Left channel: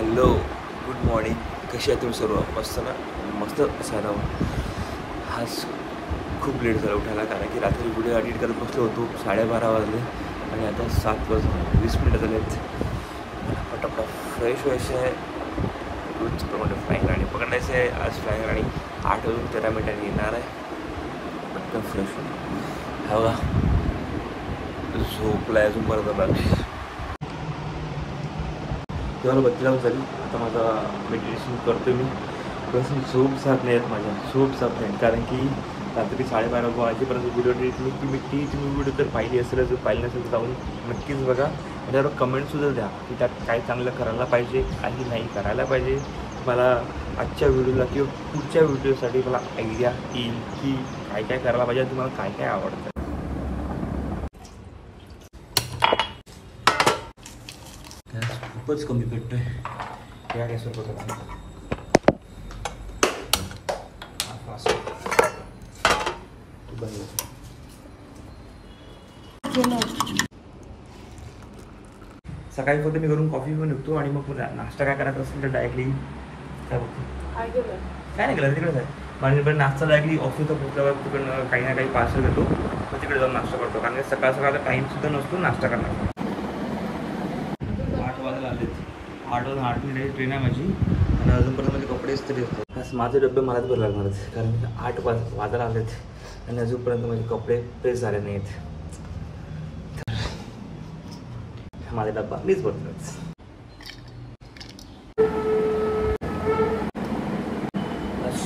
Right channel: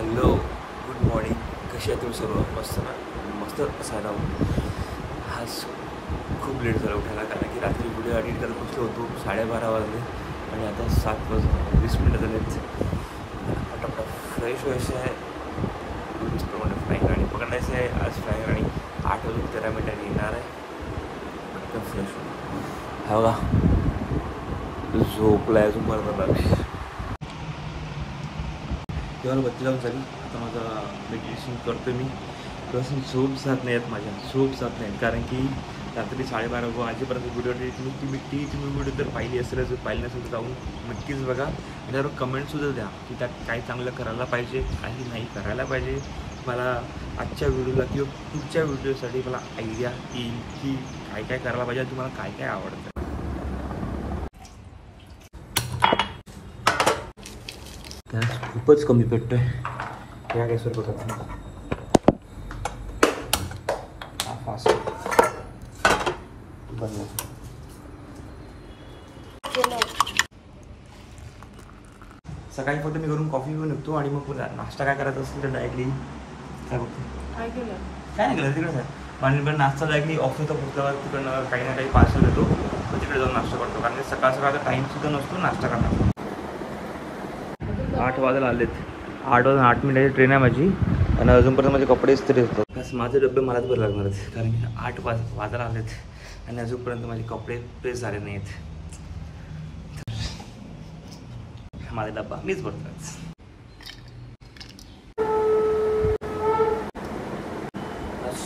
Hello, good morning. कशी आहे तुम्ही सर्व? मस्त ना? मस्त असायला आज खूप लेट झाला उठायला, कारण की रात्री व्हिडिओ एडिट करत बसलो होतो. 12:30 वाजले आणि आता 7:20 झालेत. पटापट फ्रेश व्हायचे आहे, रोजप्रमाणे फ्लाईंग राणी पकडायचे आहे. आज फ्लाईंग राणी 8:13 येणार आहे. पटकन फ्रेश होईल. हवा झोपला अजून पडता बाकी तेव्हा बत्ती लावून झाली. आता माझा मेडिटेशन करतो मी. पण झोप जात नाही आहेत, माझ्या झोप जात नाहीत, कारण की रात्री 12:30 वाजेपर्यंत व्हिडिओ एडिट मी तुम्ही व्हिडिओ तर पाहिली असेल, जर पाहिली नसेल तर जाऊन नक्कीच बघा. आणि त्यावर कमेंटसुद्धा द्या की त्यात काय चांगलं करायला पाहिजे, काही नाही करायला पाहिजे. मला आजच्या व्हिडिओला किंवा पुढच्या व्हिडिओसाठी मला आयडिया येईल की काय काय करायला पाहिजे, तुम्हाला काय काय आवडतं. गॅस खूपच कमी पेटतोय. या गॅसवर बघा फास्ट बनवा. सकाळी फक्त मी घरून कॉफी पिऊन निघतो आणि मग पुन्हा नाश्ता काय करायचा असेल तर डायरेक्टली काय नाही केलं तिकडेच आहे. माझ्याकडे नाश्ता डायरेक्टली ऑफिसला पोहोचल्यावर तिकडनं काही ना काही पार्सल घेतो, तर तिकडे जाऊन नाश्ता करतो, कारण की सकाळ सकाळचा टाईमसुद्धा नसतो नाश्ता करण्याचा. 8 वाजायला आलेत. 8 वाजून 8 मिनिटाची ट्रेन आहे माझी आणि अजूनपर्यंत माझे कपडे इस्त्री होतात. बस माझे डबे मलाच बरं लागणार आहेत, कारण की 8 वाजायला आलेत आणि अजूनपर्यंत माझे कपडे प्रेस झाले नाहीत. माझा डब्बा मीच भरतो.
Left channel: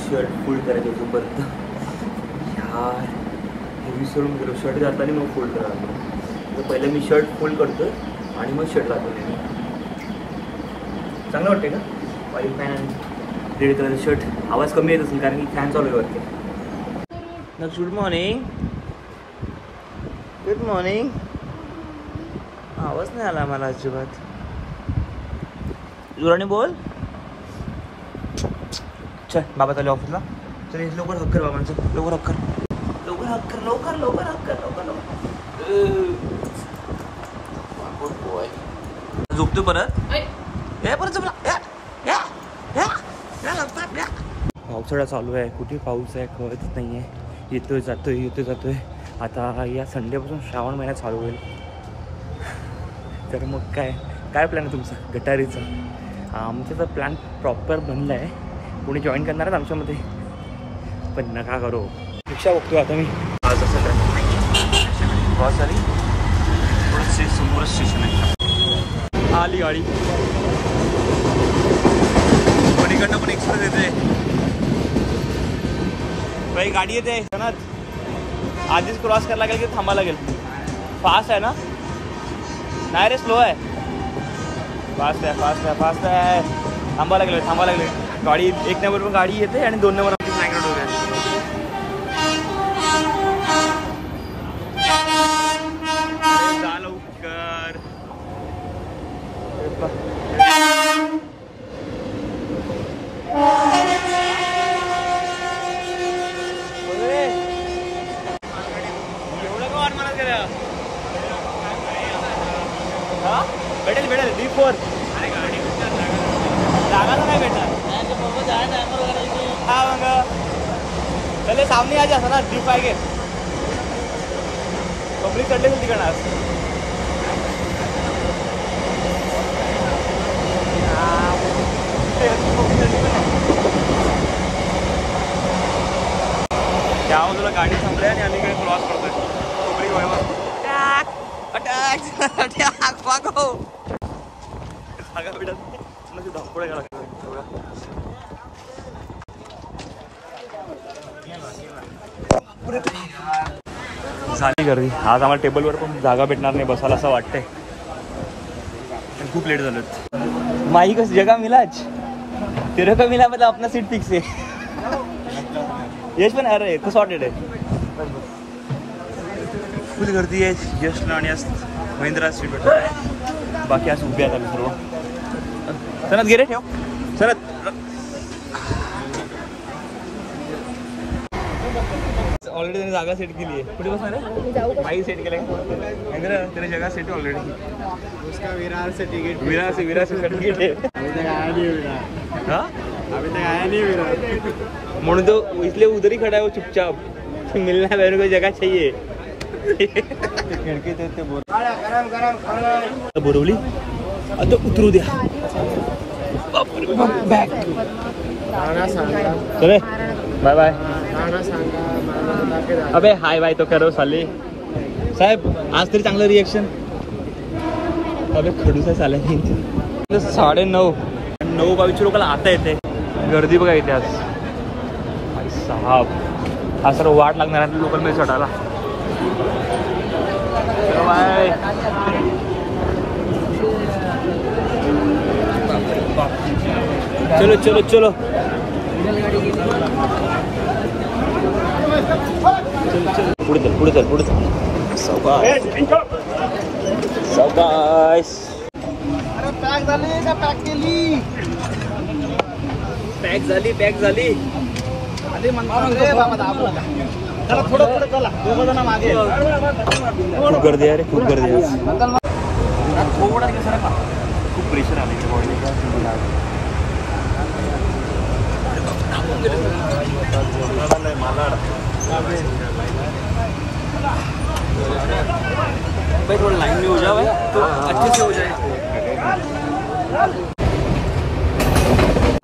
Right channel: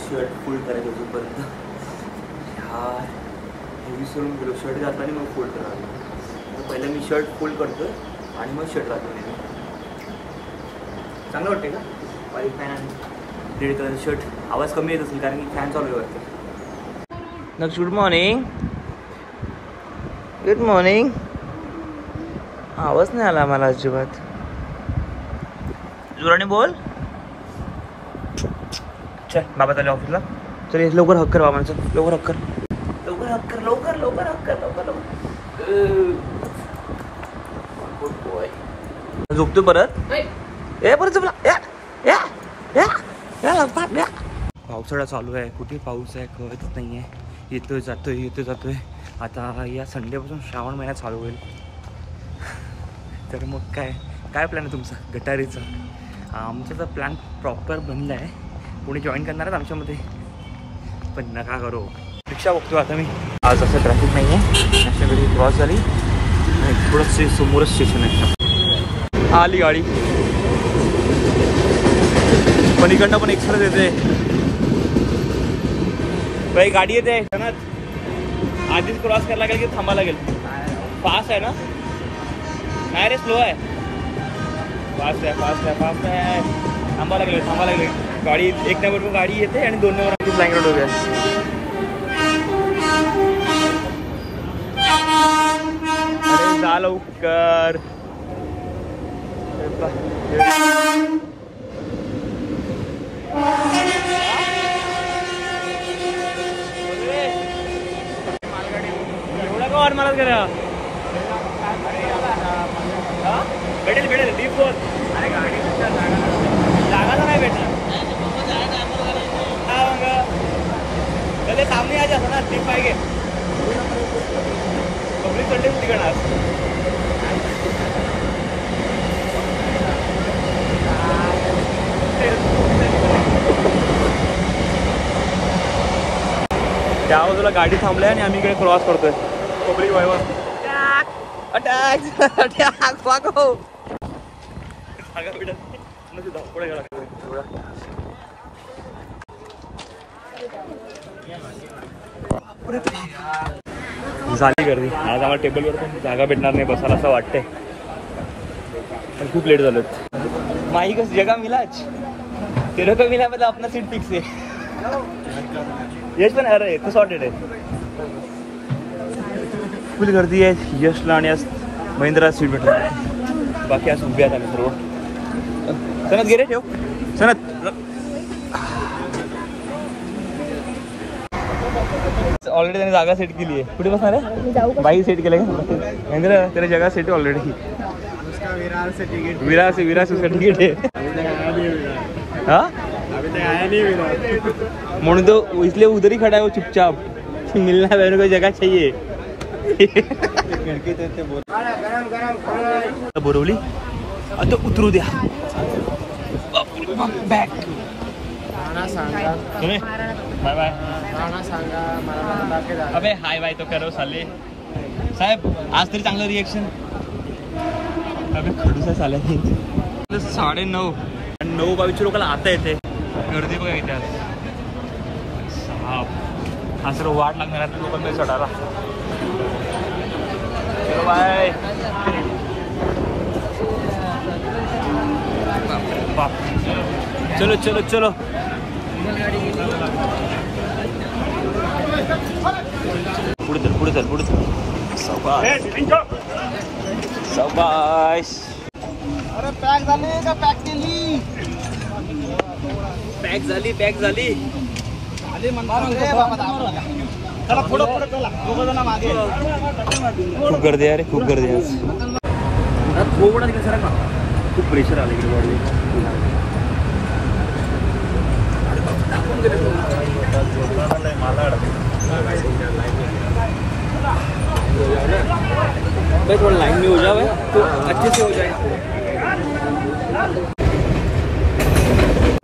शर्ट फोल्ड करायचं अजूनपर्यंत. यार हे विसरून गेलो, शर्ट घातला आणि मग फोल्ड करायला. तर पहिलं मी शर्ट फोल्ड करतो आणि मग शर्ट घालतो. चांगलं वाटते का? व्हाईट पॅन आणि रेड कलरचं शर्ट. आवाज कमी येत असेल कारण की फॅन चालू आहे वरती. Next good morning. Good morning. आवाज नाही आला मला अजिबात. जोराने बोल. चल बाबा चालले ऑफिसला. चल लवकर हक कर बाबांचं, लवकर हक कर, लवकर हक कर, लवकर लवकर हक कर, लवकर लवकर. झोपतो परत. ए परत झोपला. पावसाळा चालू आहे, कुठे पाऊस आहे कळतच नाही आहे. येतोय जातोय. आता या संडेपासून श्रावण महिना चालू होईल. तर मग काय प्लॅन आहे तुमचा गटारीचा? आमचा तर प्लॅन प्रॉपर बनला आहे. कोणी जॉईन करणार आहेत आमच्यामध्ये, पण नका करो. रिक्षा बघतो आता मी. आज असं ट्रॅफिक नाही आहे, नॅशनल हायवे क्रॉस झाली, थोडं समोरच स्टेशन आहे. आली गाडी, पण इकडनं पण एक्सप्रेस येते. बाई गाडी येते सनत. आधीच क्रॉस करायला लागेल की थांबा लागेल? फास्ट आहे ना? नाही रे, स्लो आहे. फास्ट आहे. थांबा लागेल. गाडी 1 नंबरवर गाडी येते आणि 2 नंबर आमची फ्लाइंग रोड होते. जा लवकर. एवढा का वाट मारत का? भेटेल D4. अरे गाडी जागा नाही भेटणार. हा मग पहिले सामने आ जाता ना D5 के पब्लिक चढले होती तिकडे. त्या बाजूला गाडी थांबल्या आणि आम्ही इकडे क्रॉस करतोय. कोबरी वयवर अटॅक वागो पुढे गेला. झाली गर्दी. आज आम्हाला टेबलवर पण जागा भेटणार नाही बसायला असं वाटतंय, पण खूप लेट झालो. माही कस जगह मिला आज? तेरे को मिला मतलब अपना सीट फिक्स है. यश पण अरे तो सॉर्टेड आहे. फुल गर्दी आहे. यशला आणि महिंद्रा सिटी बाकी आज उभे आहेत आम्ही सर्व. सनत गेले ठेव. सनत ऑलरेडी त्याने जागा सेट केली आहे. कुठे बसणार आहे? बाई सेट केलं आहे. इंद्र त्याने जगा सेट ऑलरेडी. विरार से सर्टिफिकेट है. तक आया नहीं विराट। हाँ अभी तक आया नहीं विराट। म्हणून तो इसलिए उधर ही खड़ा है वो चुपचाप। मिलना मेरे को जगह चाहिए। बोरवली आता उतरू द्या। बॅक चले बाय बाय। अबे हाय बाय तो करो साले साहेब आज तरी चांगलं रिएक्शन। अबे खडूस आहे साले 9:30 9:22 लोकांना आता येते गर्दी बघा इथे आज भाई साहब। हा सर वाट लागणार आहे लोक नाही चढणार। बाप चलो चलो चलो पुढे चल सावकाश। अरे पॅक झाली का पॅक केली? पॅक झाली अरे म्हणतो बाबा दाबला चला थोडं पुढे चला दोघं जण मागे। खूप गर्दी आहे रे खूप गर्दी आहे। थोडा कसं का खूप प्रेशर आलं इकडे बॉडीवर। भाई थोड़ा लाइन में हो जाओ भाई तो अच्छे से हो जाए।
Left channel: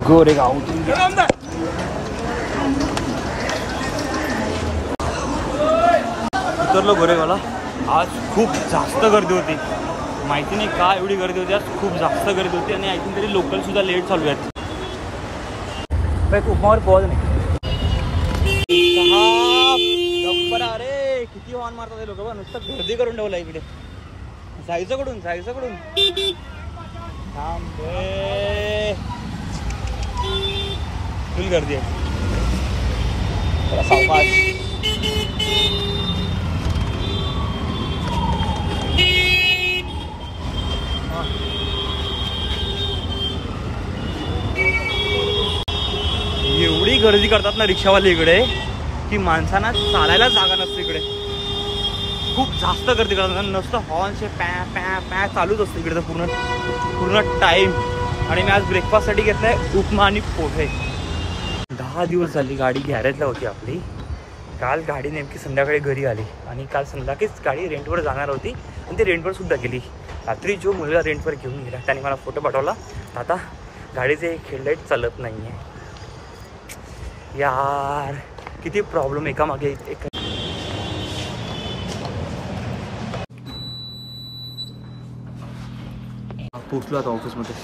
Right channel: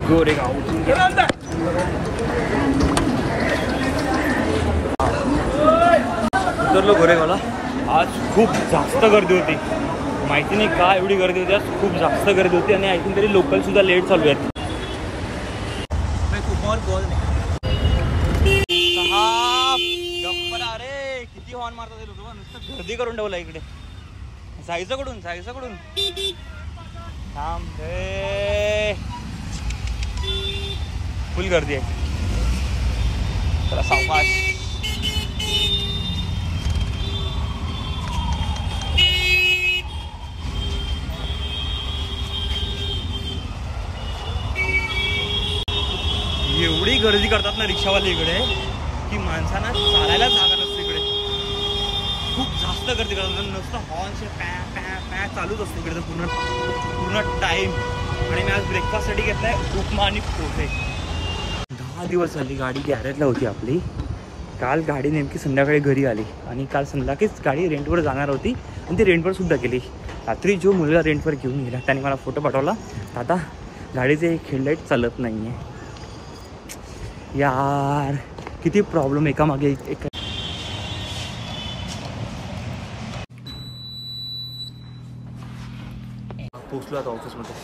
गोरेगाव उतरलो गोरेगावला। आज खूप जास्त गर्दी होती। माहिती नाही का एवढी गर्दी होती आज। खूप जास्त गर्दी होती आणि ऐकून तरी लोकल सुद्धा लेट चालू आहेत। उमावर बॉल गप्पा रे किती हॉर्न मारतात लोक बघ। नुसतं गर्दी करून ठेवलं इकडे। जायचं कडून थांब रे फुल गर्दी आहे। जरा सावकाश। एवढी गर्दी करतात ना रिक्षावाले इकडे की माणसांना चालायला जागा नसते इकडे। खूप जास्त गर्दी करतात नुसतं हॉर्नचे पॅ पॅ पॅ चालूच असतं इकडे पूर्ण टाइम। आणि मी आज ब्रेकफास्टसाठी घेतलाय उपमा आणि पोहे। 10 दिवस झाली गाडी गॅरेजला होती आपली। काल गाडी नेमकी संध्याकाळी घरी आली आणि काल संध्याकाळीच गाडी रेंटवर जाणार होती आणि ती रेंटवर सुद्धा गेली। रात्री जो मुलगा रेंटवर घेऊन गेला त्याने मला फोटो पाठवला, दादा गाडीचे हेडलाईट चालत नाही आहे यार। किती प्रॉब्लेम एकामागे एक। पोचलो आता ऑफिसमध्ये।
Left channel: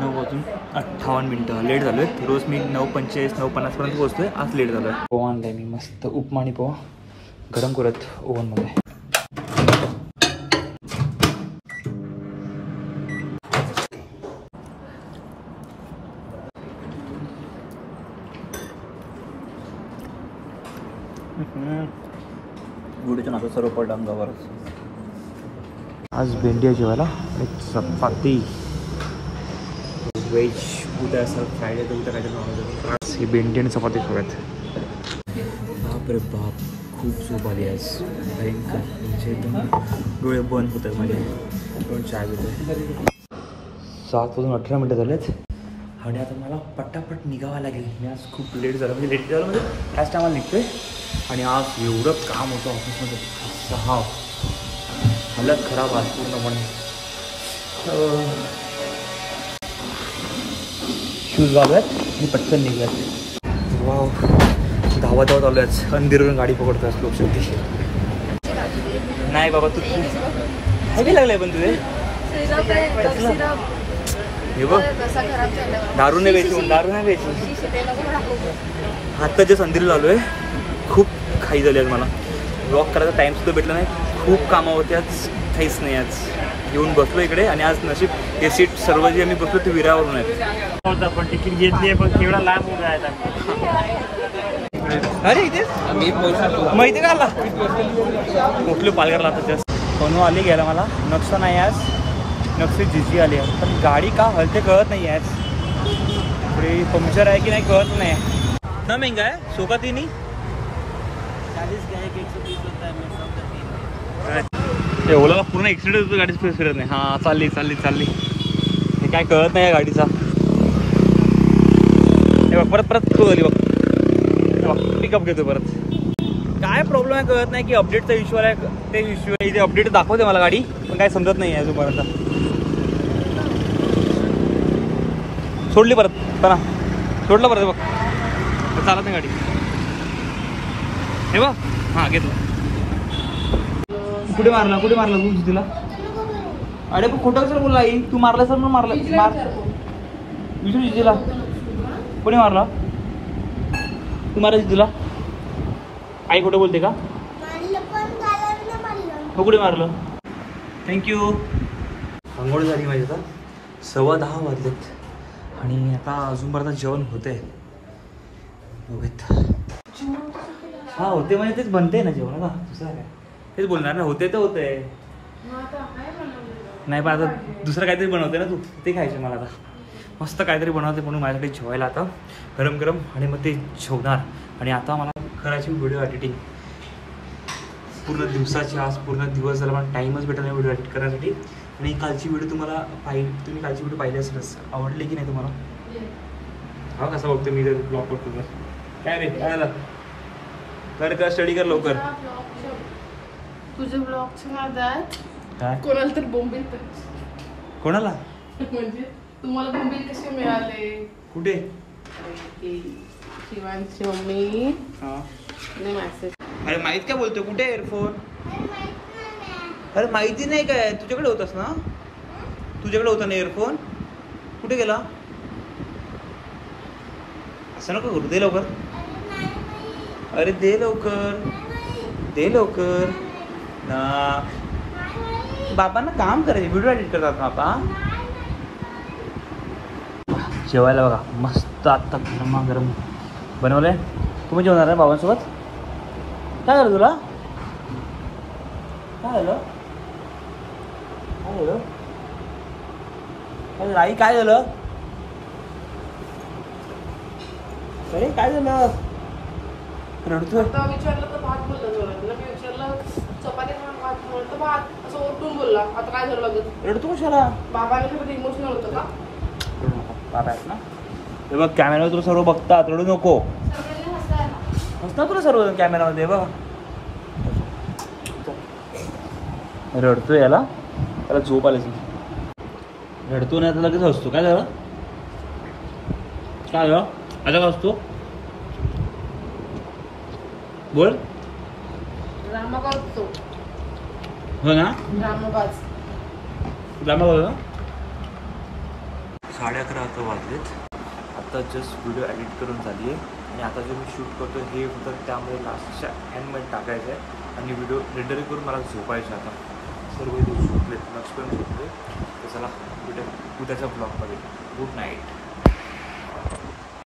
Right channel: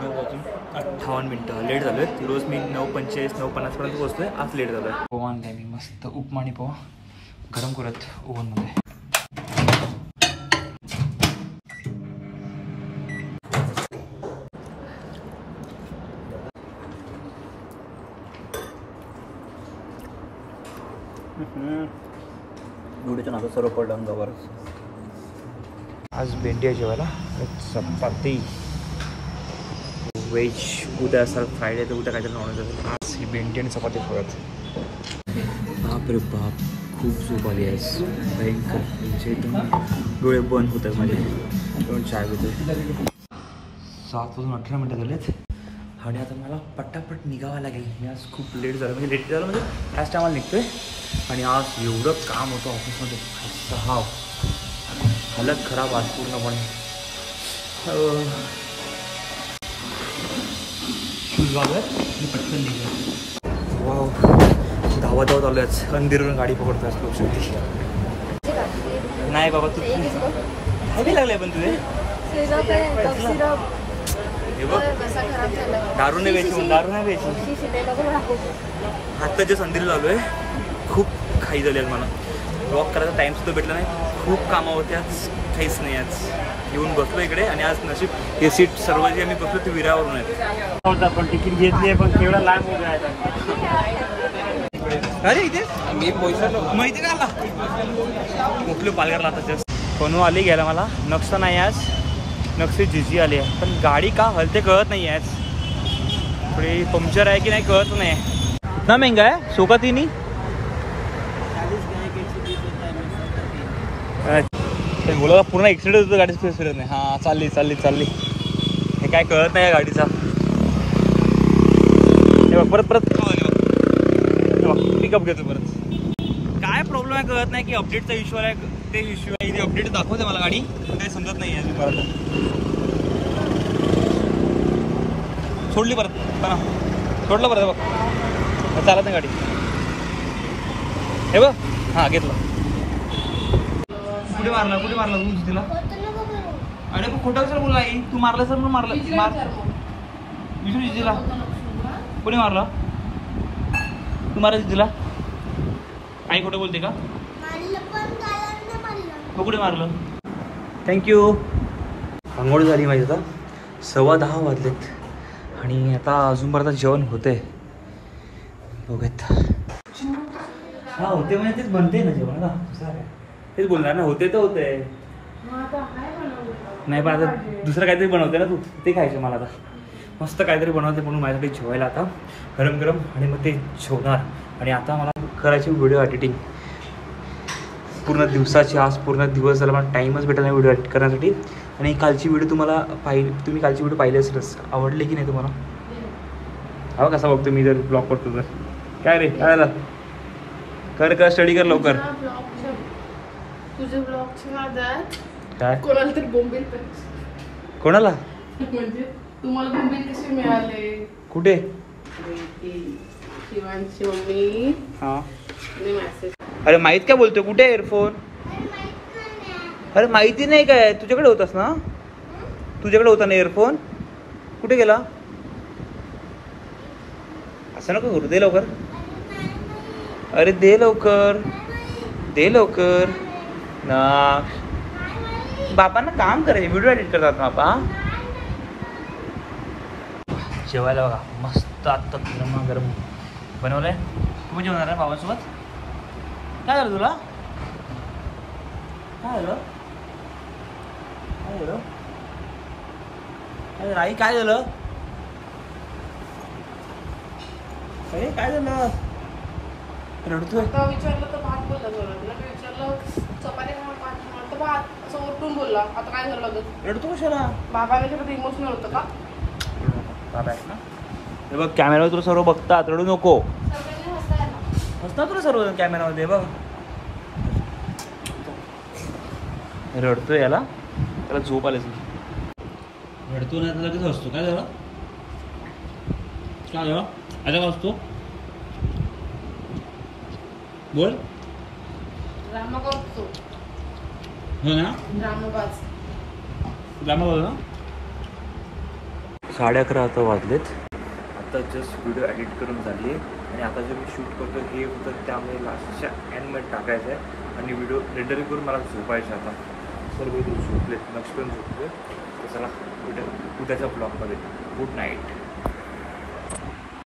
9:58 लेट झालो आहे। रोज मी 9:45 9:50 पर्यंत पोहोचतोय। आज लेट झालो आहे। पोहा आणलाय मी मस्त उपमा आणि पोहा गरम करत ओव्हनमध्ये। गुडीच्या नातं सर्व पडलं अंगावरच। आज भेंडी आहे जेवायला, चपाती व्हेज। उद्या सर फ्रायडे तर उद्या काहीतरी नॉनव्हेज। आज ही भेंडी आणि चपाती सोबत। बाप रे बाप खूप झोप आली आहे भयंकर। म्हणजे डोळे बंद होत आहेत माझे। दोन चाय घेतोय। 7:18 झालेत आणि आता मला पटापट निघावं लागेल। मी आज खूप लेट झालं म्हणजे ह्याच टायमाला निघतोय। आणि आज एवढं काम होतं ऑफिसमध्ये हालत खराब आज पूर्णपणे। शूज घालूयात आणि पटकन निघूयात। वाव धावत आलो आहेत। अंधेरीवरून गाडी पकडतात लोक शेवटी। नाही बाबा तू हवी लागलंय पण तुझे दारू नाही घ्यायची। आत्ता जे अंधेरीला आलो आहे। खूप खाई झाली आज मला। वॉक करायचा टाइम सुद्धा भेटला नाही। खूप कामं होते आज, काहीच नाही आज। येऊन बसलो इकडे आणि आज नशीब हे सीट सर्व जे आम्ही बसलो ते विरावरून आहेत। पण तिकीट घेतली आहे पण केवढा लांब उभा आहे। अरे इथे मी माहिती का आला मोठलो पालघरला आता जास्त कोण आली घ्यायला मला। नक्षा नाही आज, नक्षी जिजी आली आहे पण गाडी का हलते कळत नाही आज। थोडी पंक्चर आहे की नाही कळत नाही ना। महंगा आहे सोकातीनी 40 का 120 होता है। ओला पूर्ण एक्सिडेंट होतो गाडी फिरत नाही। हा चालली हे काय कळत नाही या गाडीचा. परत पिकअप घेतो परत. काय प्रॉब्लेम आहे कळत नाही की अपडेटचा इश्यू आहे. ते इश्यू इथे अपडेट दाखवते मला गाडी, पण काय समजत नाही अजूनपर्यंत. सोडली परत चला, सोडलं परत बघ, चालत नाही गाडी. हे बघ, हां घेतलं. कुठे मारला तू तिला? अरे पण खोटं कसं बोलला आई? तू मारला सर, मारला विचारू तिला. कोणी मारला? तू मारायची तिला? आई खोटं बोलते का? कुठे मारलं? थँक्यू. आंघोळ झाली माझी आता. 10:15 वाजलेत आणि आता अजूनपर्यंत जेवण होतंय. बघत हा होते म्हणजे तेच बनते ना जेवण का, दुसरं काय तेच बोलणार ना. होते तर होते, नाही पण आता दुसरं काहीतरी बनवते ना तू, ते खायचं मला आता. मस्त काहीतरी बनवते म्हणून माझ्यासाठी जेवायला आता गरम गरम, आणि मग ते जेवणार. आणि आता मला करायची व्हिडिओ एडिटिंग पूर्ण दिवसाची. आज पूर्ण दिवस झाला, मला टाईमच भेटला नाही व्हिडिओ एडिट करण्यासाठी. आणि कालची व्हिडिओ तुम्ही कालची व्हिडिओ पाहिली असेलच. आवडली की नाही तुम्हाला? हा कसा बघतो मी जर ब्लॉग करतो तर. काय रे काय झालं? कर स्टडी कर लवकर. तुझे ब्लॉगच्या नादात काय कोणाला तरी बोंबील, कोणाला म्हणजे तुम्हाला बोंबील कसे मिळाले? कुठे? शिवांशी मम्मी हा मेसेज. अरे माहित काय बोलतोय? कुठे एअरफोन? अरे माहिती नाही काय? तुझ्याकडे होतास ना? तुझ्याकडे होता ना एअरफोन? कुठे गेला? असं नको करू, दे लवकर. अरे दे लवकर, दे लवकर ना. बाबांना काम करायचे, व्हिडिओ एडिट करतात ना बाबा. जेवायला बघा मस्त आत्ता गरम बनवलंय. तुम्ही जेवणार आहे बाबांसोबत? काय झालं तुला? काय झालं? काय झालं? अरे आई काय झालं? अरे काय झालं? रडतोय. विचारलं तर भात बोलला जोरात. विचारलं चपाती खा, भात खाणार तर भात, असं ओरडून बोलला. आता काय झालं लागत? रडतो कशाला? बाबाने सगळं इमोशनल होतं का? बाबा आहेत ना. हे बघ कॅमेरावर तुला सर्व बघतात, रडू नको. हसतात तुला सर्व कॅमेरामध्ये. बघ रडतोय, याला त्याला झोप आली. रडतो नाही तर लगेच हसतो. काय झालं? काय झालं? आता का हसतो? बोल. ड्रामाबाज तो. हो ना, ड्रामाबाज. ड्रामा बोल ना. 11:30 आता वाजलेत. आता जस्ट व्हिडिओ एडिट करून झाली आहे आणि आता जे मी शूट करतो हे होतं, त्यामुळे लास्टच्या एंडमध्ये टाकायचं आहे आणि व्हिडिओ रेंडरिंग करून मला झोपायचं. आता सर्व झोपलेत, लक्ष पण झोपले. तर चला भेटू उद्याच्या ब्लॉगमध्ये. Good night.